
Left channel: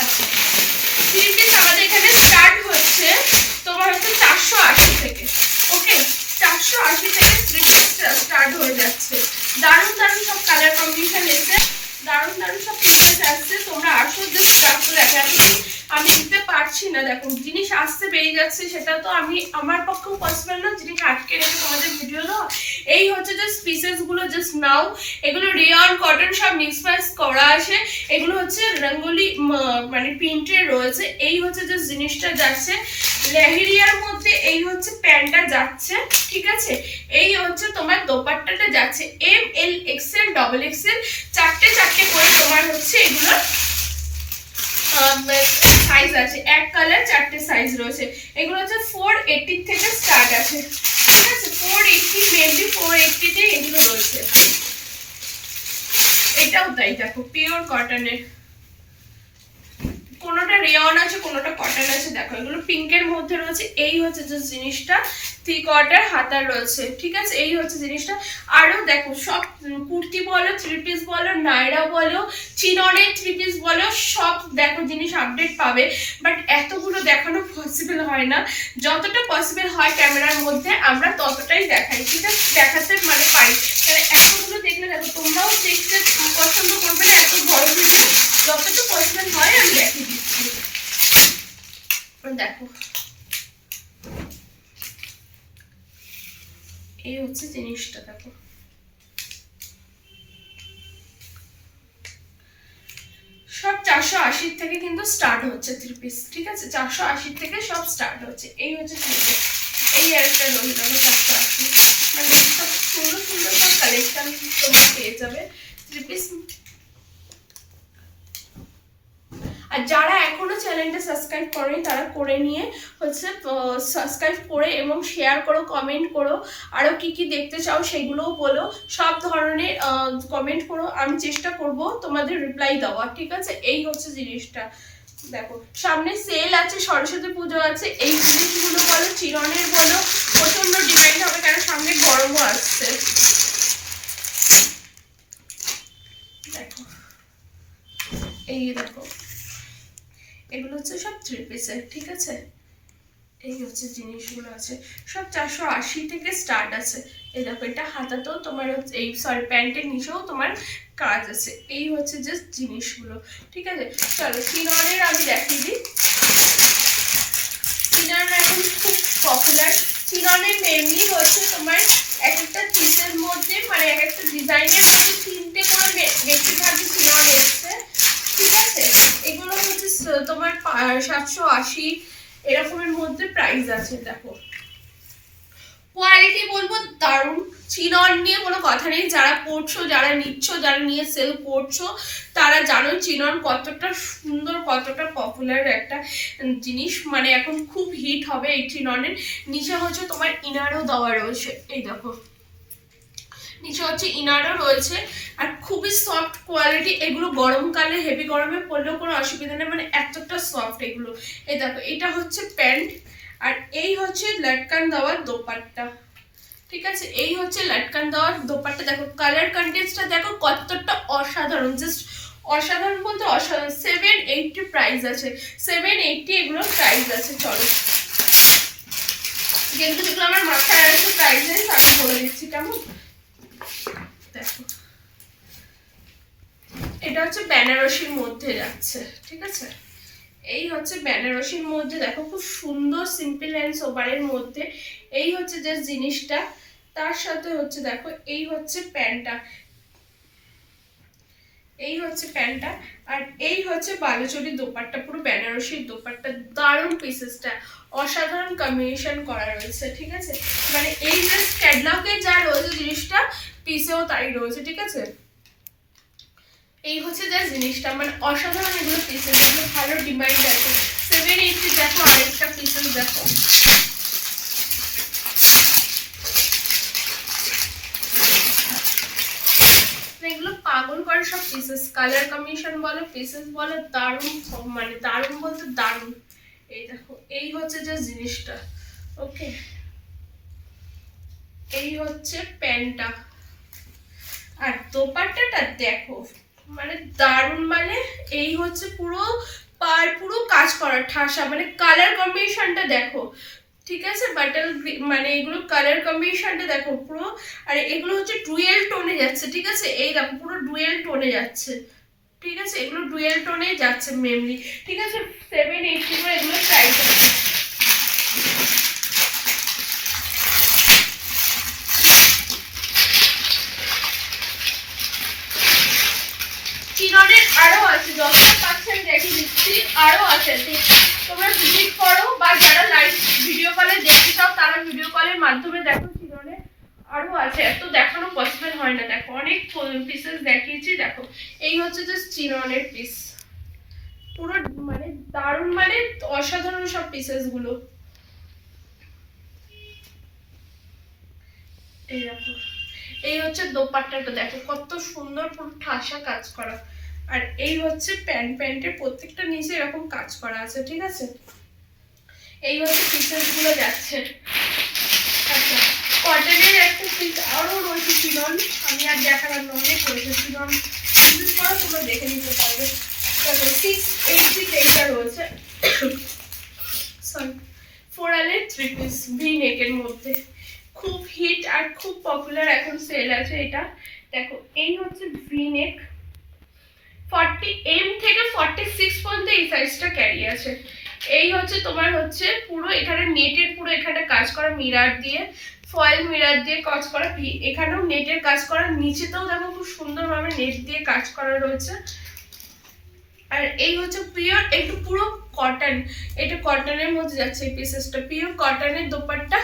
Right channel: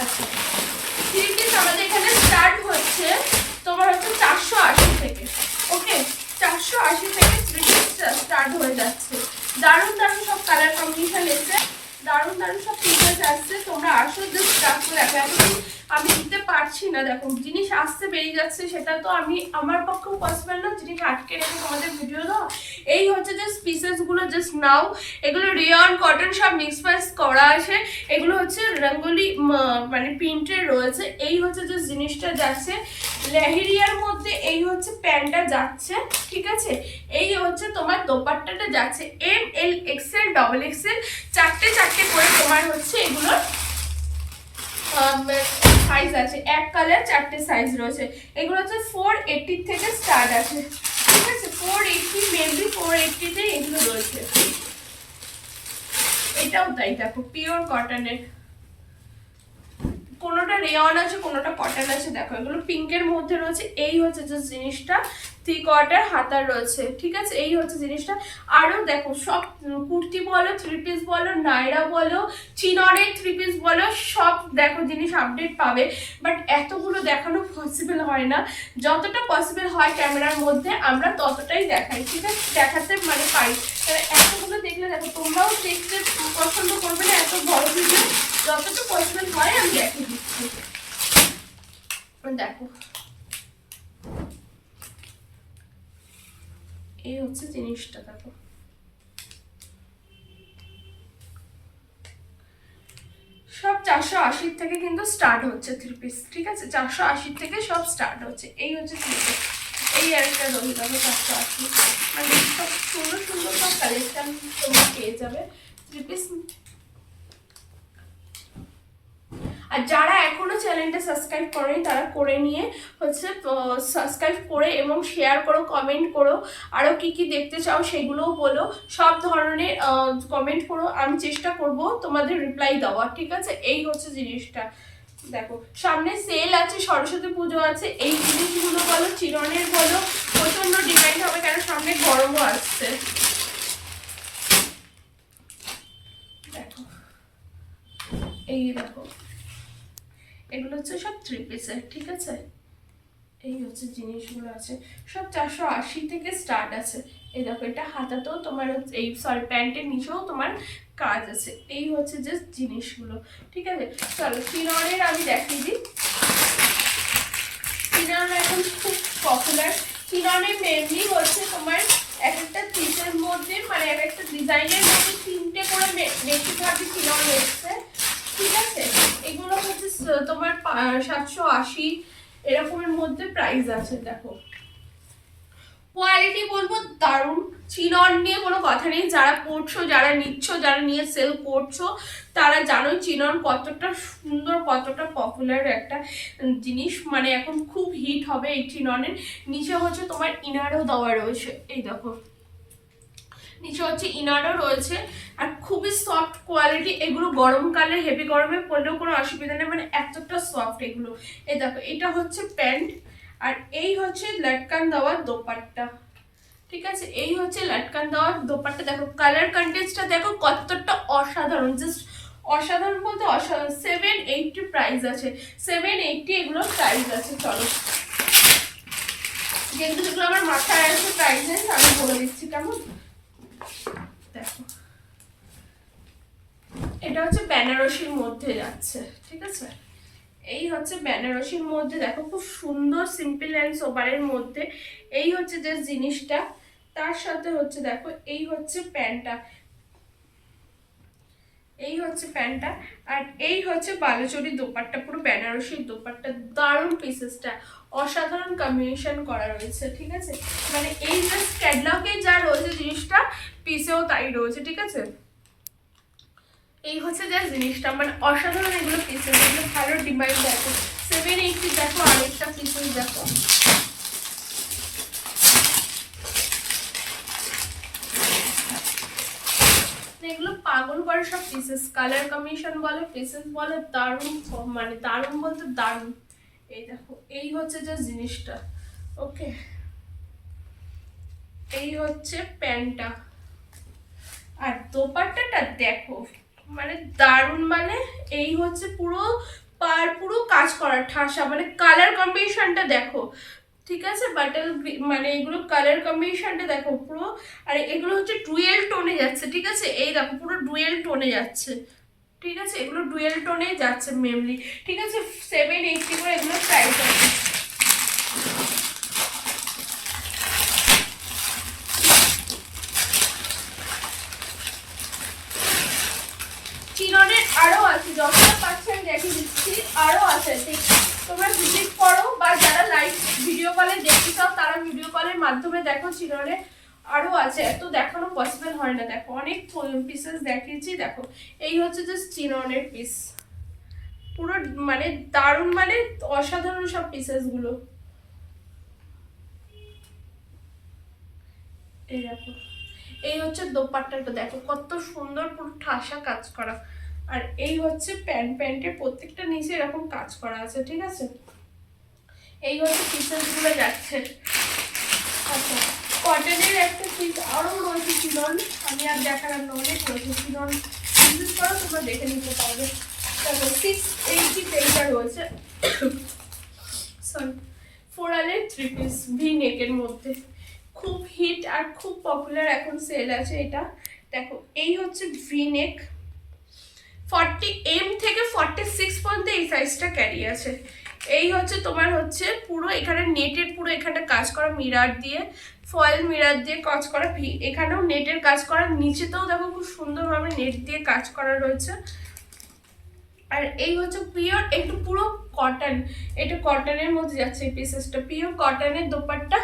আচ্ছা 3 পিস আমাদের এখানে স্টার্ট হচ্ছে তোমার হচ্ছে 480 থেকে। ওকে, 480 থেকে 3 পিস স্টার্ট হয়ে যাচ্ছে। দারুণ দারুণ সব কালার কম্বিনেশন এসে, দারুণ দারুণ সব পিসেস আসছে। তোমরা আসো, জাস্ট স্টার্ট দেখো। আমি দিতে পারছি না, দেখো জিনিস আসতে বেরিয়ে যাচ্ছে, সেটা তো আমি আমার পক্ষেও পসিবল না জিনিস আটকে রেখে তোমাদের ভিডিও দাও। এই হচ্ছে জাস্ট পিসেস গুলো, জাস্ট নাও। এগুলো রেয়ন কটন সব মিক্স ম্যাক্স করা আছে। এগুলো হচ্ছে রঙ্গোলি মানে প্রিন্টের রয়েছে। এই হচ্ছে যে জিনিসটা যাচ্ছে লেহেরিয়ার মধ্যে, এই হচ্ছে প্যান্টটা যাচ্ছে, ঠিক আছে। এই হচ্ছে তোমার দোপাট্টাটা যাচ্ছে ML XL XXL, 4টে করে তোমার হচ্ছে এগুলোর সাইজ আছে। এক কালার 4টে সাইজ রয়েছে। এগুলো হচ্ছে 480 থেকে স্টার্ট আছে, ঠিক আছে 480 মেবি 480 তে এগুলো রয়েছে। এটাও তাই দেখো পিওর কটনের, কোনোটা রেয়ন আছে কোনোটা কটন আছে। দেখো এগুলো পিঙ্কের মধ্যে রয়েছে। এই হচ্ছে যে জিনিসটা 3/4 হাতার রয়েছে, ঠিক আছে। এই হচ্ছে জিনিসটা। আরো দেখো সব কুর্তি বলো, 3 পিস বলো, নায়রা বলো, চিননের 3 পিস বলো, সব দেখো জিনিস আপডেট পাবে। বাট এতগুলো দেখানো পসিবল হয় না, যতটা পসিবল হয় ক্যামেরার মধ্যে আমরা ততটাই দেখাই, ঠিক আছে, দেখাতে মানে পাই। তাহলে এতগুলো দেখলে দেখো তোমরাও দেখতে পছন্দ করবে না এত বড় ভিডিও, যতটা পসিবল হয় আমি দেখিয়ে দিচ্ছি। দেখো এই হচ্ছে জিনিসটা, দেখো সব 480 থেকে কিন্তু স্টার্ট হচ্ছে 3 পিস, ঠিক আছে। 480 থেকে সব স্টার্ট হচ্ছে। এই হচ্ছে 3 পিস। এই একটা রোল দেখো 480, মানে সব সুন্দর সুন্দর সব কালেকশন তোমরা পেয়ে যাবে 3 পিস। আর যারা এখনো চ্যানেলটা সাবস্ক্রাইব করেনি তারা করে নিয়ে হচ্ছে সাবস্ক্রাইব করে এবং শেয়ার করো, কমেন্ট করো, আরও কি কি দেখতে চাও সেগুলোও বলো, সব ধরনের কমেন্ট করো, আমি চেষ্টা করব তোমাদের রিপ্লাই দেওয়ার, ঠিক আছে। এই হচ্ছে জিনিসটা। দেখো সামনে সেল আছে, সরস্বতী পুজো আছে, এই জিনিসগুলো বলো, চিরনের বলো, প্রচন্ড ডিমান্ড হবে, কারণ সামনে গরমও আসছে। দেখো এই দেখো এগুলো হচ্ছে সব 3 পিসের, ঠিক আছে। এই হচ্ছে জিনিসগুলো আছে সব 480 থেকে স্টার্ট আছে। এই দেখো এটা হাতাতেও তোমার এই সরি প্যান্টের নিচেও তোমার কাজ আছে। এই হচ্ছে জাস্ট জিনিসগুলো, ঠিক আছে। চলো চিননের আমি দেখিয়ে দিই। চিনন এখন খুব পপুলার। চিননের মেনলি হচ্ছে তোমার এক একটা পিসের মধ্যে মানে এক একটা ডিজাইনের মধ্যে 3টে করে বেশিরভাগই চিনন এসছে, ঠিক আছে। এগুলো হচ্ছে তোমার 780 এরকমের মধ্যে প্রাইস আছে। দেখো কোয়ালিটি বলবো দারুণ, চিনন নিয়ে কোনো কথা নেই। যারা পড়ছো, যারা নিচ্ছ, যারা নিয়ে সেল করছো, তারা জানোই চিনন কতটা সুন্দর, কতটা পপুলার একটা জিনিস, মানে এখন খুব হিট হবে এই চিননের। নিচে হচ্ছে তোমার ইনারও দেওয়া রয়েছে, এই দেখো নিচে হচ্ছে ইনারও রয়েছে, আর খুবই সফট কোয়ালিটি। এগুলো গরমকালে হেভি গরমে পরলেও কোনো অসুবিধা নেই, মানে এতটা সফট এগুলো। এই দেখো এটা হচ্ছে প্যান্ট, আর এই হচ্ছে লটকান দেওয়ার দোপাট্টা, ঠিক আছে। এই হচ্ছে লটকান দেওয়ার দোপাট্টা। দেখো কালার কন্ট্রাস্টটা দেখো কতটা অসাধারণ, জাস্ট অসাধারণ বলতে অসাধারণ। 780 প্রাইস আছে, 780 এগুলোর প্রাইস আছে। চলো যেহেতু যেগুলো আমার মাথায় আছে প্রাইস নেই আমি বলে দিচ্ছি কেমন। দেখো এটা হচ্ছে বেনারসির মধ্যে যাচ্ছে, ঠিক আছে। এই হচ্ছে বেনারসির মধ্যে, দেখো খুব সুন্দর সিম্পল অ্যান্ড সোবারের মধ্যে। এই হচ্ছে যে জিনিসটা, তার সাথে হচ্ছে দেখো এই হচ্ছে প্যান্টটা, এই হচ্ছে প্যান্টটা, আর এই হচ্ছে বালুচরী দোপাট্টা, পুরো বেনারসির দোপাট্টা। দারুণ পিসেসটা, অসাধারণ কম্বিনেশন করা রয়েছে, ঠিক আছে। মানে এই যে ক্যাটলগে যা রয়েছে জিনিসটা পিসেও তাই রয়েছে, ঠিক আছে। এই হচ্ছে যা জিনিসটা, মানে অসাধারণ এগুলো পিসেস, এগুলো ভালো ডিমান্ড আছে। 780 দেখো আরেকটা পিসেস দেখো, এগুলো পাগল করে সব পিসেস, কালার কম্বিনেশন বলো, পিসেস বলো, দারুণ, মানে দারুণ বলতে দারুণ। এই দেখো এই হচ্ছে যে জিনিসটা, ওকে। এই হচ্ছে প্যান্টটা, আর দোপাট্টাটা দেখো মানে দারুণ, মানে এই হচ্ছে পুরো পুরো কাজ করা ঠাসা, মানে কালার কম্বিনেশনটা দেখো, ঠিক আছে। বাটল মানে এগুলো কালার কম্বিনেশনটা দেখো পুরো, আর এগুলো হচ্ছে ডুয়েল টোনে যাচ্ছে, ঠিক আছে। এই দেখো পুরো ডুয়েল টোনে যাচ্ছে, ঠিক আছে। এগুলো ডুয়েল টোনে যাচ্ছে মেনলি, ঠিক আছে। 780 করে এগুলো প্রাইস আছে। চিননের আরো আছে, যতটা পাচ্ছেন দেখে দিচ্ছি, আরো আছে। তোমরা ভিজিট করো, বা যারা লাইভ ভিডিও কলে দেখতে চাও তারা ভিডিও কলের মাধ্যমে দেখো। চিননে আরো আছে, এত দেখানো পসিবল হয় না। দেখো অনেক পিসেস দেখিয়েছি, দেখো এই হচ্ছে যে চিননের পিস, পুরো মানে দারুণ, মানে অসাধারণ সব পিসেস গুলো। এই দেখো, এই হচ্ছে দোপাট্টাটা, দেখো কত সুন্দর পুরো ঠাসা কাজ করা। আর এই হচ্ছে প্যান্টের প্রত্যেকটা নিচে এরকম কাজ করা আছে, ঠিক আছে। এই হচ্ছে পিসেস গুলো যাচ্ছে। আচ্ছা, কটনের একটা পিস আরো রয়েছে, চিনন, আমি আর দেখালাম না, অনেক রয়েছে চিনন, বিশেষ করে তোমরা দেখে নিতে পারবে। দেখো 680 এইটা রয়েছে, সরি, 4L 3 পিস ভি নেকের মধ্যে, খুব হিট আর খুব পপুলার, এখন সেল আছে এটা। দেখো এই হচ্ছে ভি নেক, 40M থেকে 46 পর্যন্ত এই সাইজটা ক্যারি আছে। এই হচ্ছে তোমার হচ্ছে পুরো এখানে নেটের, পুরো এখানে কাজ করা মিরার দিয়ে, ফয়েল মিরার দিয়ে কাজ করা, এখানেও নেটের কাজ করা, নিচেতেও দেখো খুব সুন্দরভাবে নেট দিয়ে কাজ করা রয়েছে। আর এই হচ্ছে পিওর একটু পুরো কটন, এটা কটনের মধ্যে যাচ্ছে এই পিসেসটা, পিওর কটনের দোপাট্টা।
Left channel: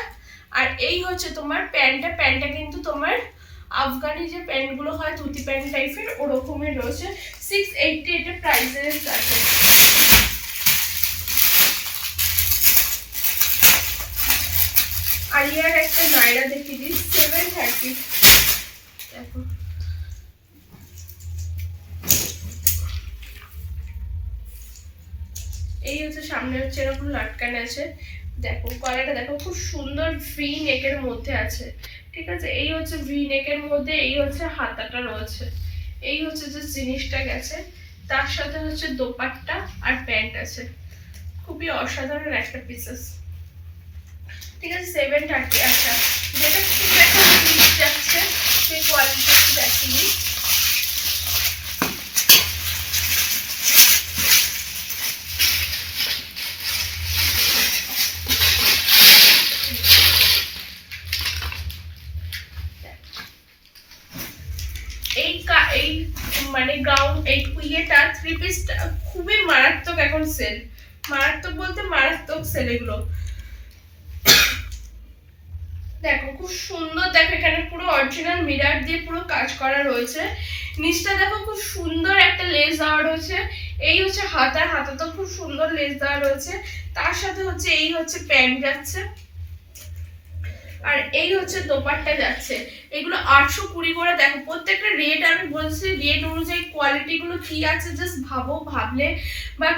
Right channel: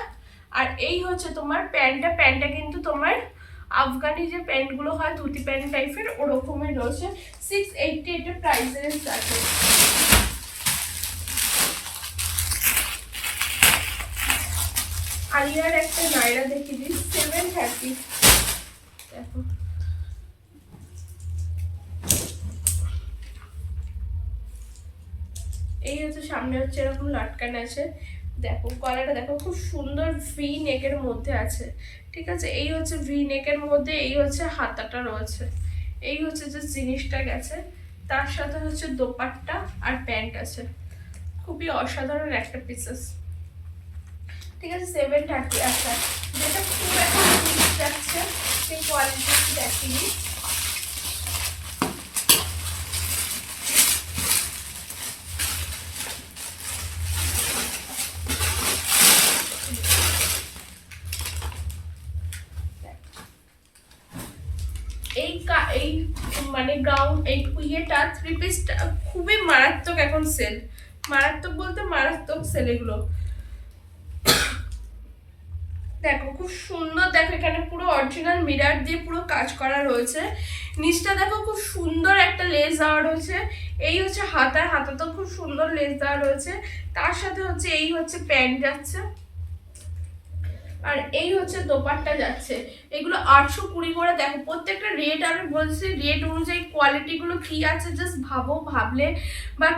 আর এই হচ্ছে তোমার প্যান্টটা কিন্তু তোমার আফগানি যে প্যান্টগুলো হয় ধুতি প্যান্ট টাইপের ওরকমই রয়েছে। 680 এটা প্রাইসেস আছে। আলিয়ার একটা নাইরা দেখিয়ে দিই, 730। দেখো এই হচ্ছে সামনে হচ্ছে এরকম লাটকান আছে, দেখো গলাটা দেখো খুব সুন্দর ভি নেকের মধ্যে আছে, ঠিক আছে। এই হচ্ছে ভি নেকের মধ্যে, এই হচ্ছে হাতাটা রয়েছে, এই হচ্ছে যে জিনিসটা গেছে, তার সাথে হচ্ছে দোপাট্টা আর প্যান্ট আছে, খুবই অসাধারণ একটা পিসেস, ঠিক আছে। 730। আচ্ছা, যেটা খুব এখন যাচ্ছে সেই কোয়ালিটি দেখিনি, এই মানে গাউন, এই ইয়েটা 3 পিসটা খুবই মারাত্মক এখন সেল, মারাত্মক বলতে মারাত্মক সেল এগুলো। দেখো খুব সুন্দর, দেখো এখানে পুরো অরিজিনাল মিরার দিয়ে পুরো কাজ করা রয়েছে, নিচটা দেখো খুব সুন্দর একটা লেস দেওয়া রয়েছে। এই হচ্ছে হাতাটা খুব সুন্দর লেস দেওয়া রয়েছে, তার সাথে হচ্ছে এই হচ্ছে প্যান্ট যাচ্ছে, আর এই হচ্ছে দোপাট্টা যাচ্ছে। এগুলো 820 করে। দেখো প্রত্যেকটা রেট আমি বলছি, রেট অনুযায়ী কোয়ালিটি গুলো কি আছে জাস্ট ভাবো, ভাবলে বা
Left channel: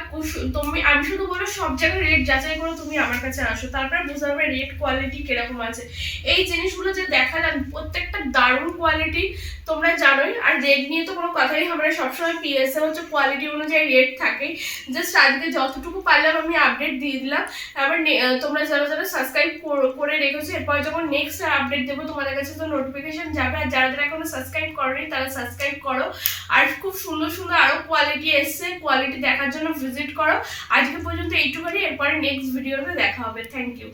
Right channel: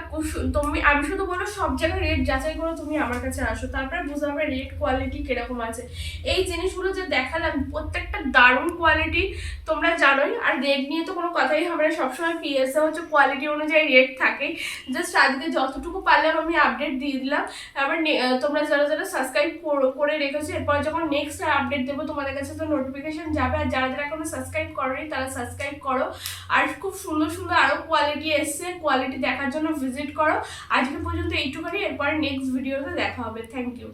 তুমি, আমি শুধু বলো সব জায়গায় রেট যাচাই করে তুমি আমার কাছে আসো, তারপরে বুঝতে পারবে রেট কোয়ালিটি কিরকম আছে। এই জিনিসগুলো যে দেখালাম প্রত্যেকটা দারুণ কোয়ালিটি, তোমরা জানোই। আর রেট নিয়ে তো কোনো কথাই হবে না, সবসময় পিএসএ হচ্ছে কোয়ালিটি অনুযায়ী রেট থাকে। জাস্ট আজকে যতটুকু পারলাম আমি আপডেট দিয়ে দিলাম। আবার তোমরা যারা যারা সাবস্ক্রাইব করে রেখেছো, এরপর যখন নেক্সট আপডেট দেবো তোমাদের কাছে তো নোটিফিকেশন যাবে। আর যারা যারা এখনো সাবস্ক্রাইব করোনি তারা সাবস্ক্রাইব করো। আর খুব সুন্দর সুন্দর আরো কোয়ালিটি এসছে, কোয়ালিটি দেখার জন্য ভিজিট করো। আজকে পর্যন্ত এইটুখানি, এরপরে নেক্সট ভিডিওতে দেখা হবে। Thank you.